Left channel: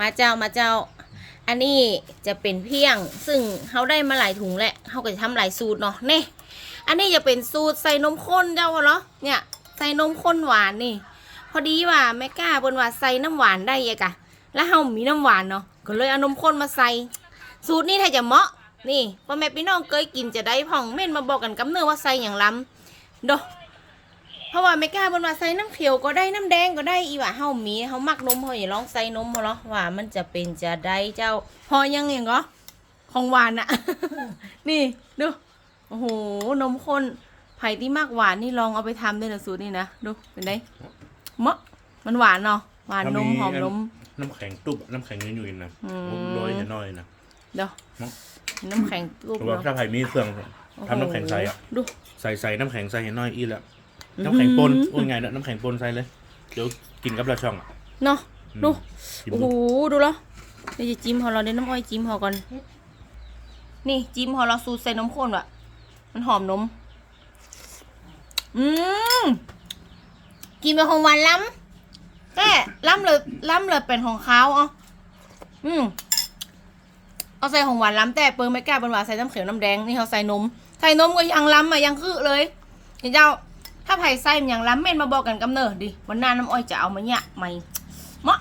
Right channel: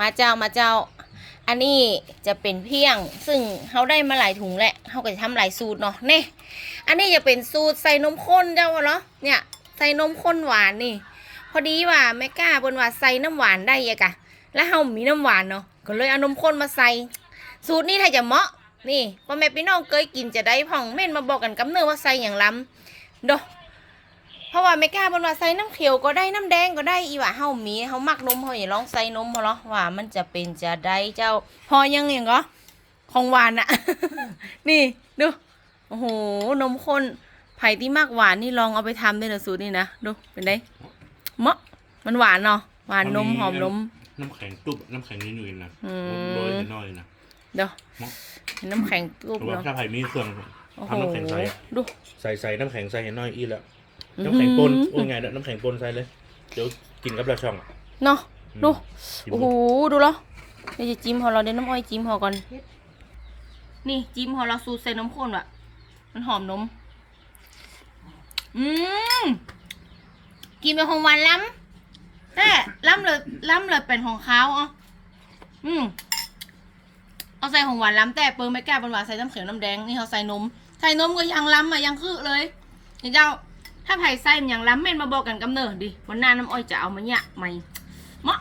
มาเจ้ามาเจ้า อันนี้จะเป็นเพียง ซึ่งเขาได้มาหลายถุงแหละเขาก็จะทำหลายสูตรเนาะเน่อันนี้จะเป็นสูตรใส่นมข้นเจ้าเหรอเนี่ยใส่นมข้นหวานนี่ พอดีว่าแม่กล้าบนว่าใส่น้ำหวานได้ยังกะแล้วเฮามีน้ำหวานเนาะก็เลยเอานมข้นมาใส่ สูตรนี้ถ้าจะเหมาะนี่พ่อแม่พี่น้องเคยกินจะได้พ่องเม่นมาบอกกันกำเนิดว่าใส่อย่างล้ำดอ เพราะว่าไม่กล้าบนว่าใส่น้ำเขียวก็ได้น้ำแดงก็ได้อีว่าเฮามีเฮามักนมเฮาอย่าลองใส่นมเขาเนาะว่ามันจะเป็นจะได้เจ้า พอยังอย่างก็ของหวานอะ นี่ดูโอ้โหนมข้นไผ่ที่มากหวานนี่ลองเอาไปทำได้เลยสูตรนี่นะดูเป็นไงเหมาะมันหวานเนาะหวานนมหอมนมน้ำแข็งตุ๊บน้ำแข็งยุ่ยๆนะอืมโรยน้อยๆนะเดี๋ยวเนาะน้ำแข็งลูกหรือว่าเนาะถ้าไผ่มีเครื่องโอ้โหทำน้ำแข็งใส่อะดูใส่ใส่น้ำแข็งใส่ให้น้อยอีแล้วอื้อหือ น้ำแข็งปนโอ้ยไงเนี่ยน้ำแข็งปนใส่เลย เดี๋ยวกินกับเราช่อง เนาะดูกินโอ้โหดูแล้วเดี๋ยวจะจิ้มพอเราเดี๋ยวน้ำอ้อยจิ้มพอก่อน นี่จิ้มพอเราสูตรใส่นมข้นว่ะ มันหอมนม อืมกินเป็นของหวานล้ำแต่ล้ำเลยล้ำเลยเป็นของเขาเอาอืมเอาใส่ของหวานล้ำแต่เปิงไม่กล้าเป็นหวานใส่น้ำเขียวน้ำแดงนี่เขาใส่นม ใส่นมก็ยังล้ำอะยังคือเลยเห็นเจ้า ถ้าไผ่ไส้มันยังล้ำเม่นมาบอกกันกำเนิดดิวันหน้าน้ำอ้อยจะเอามาเนี่ยไหม่มะ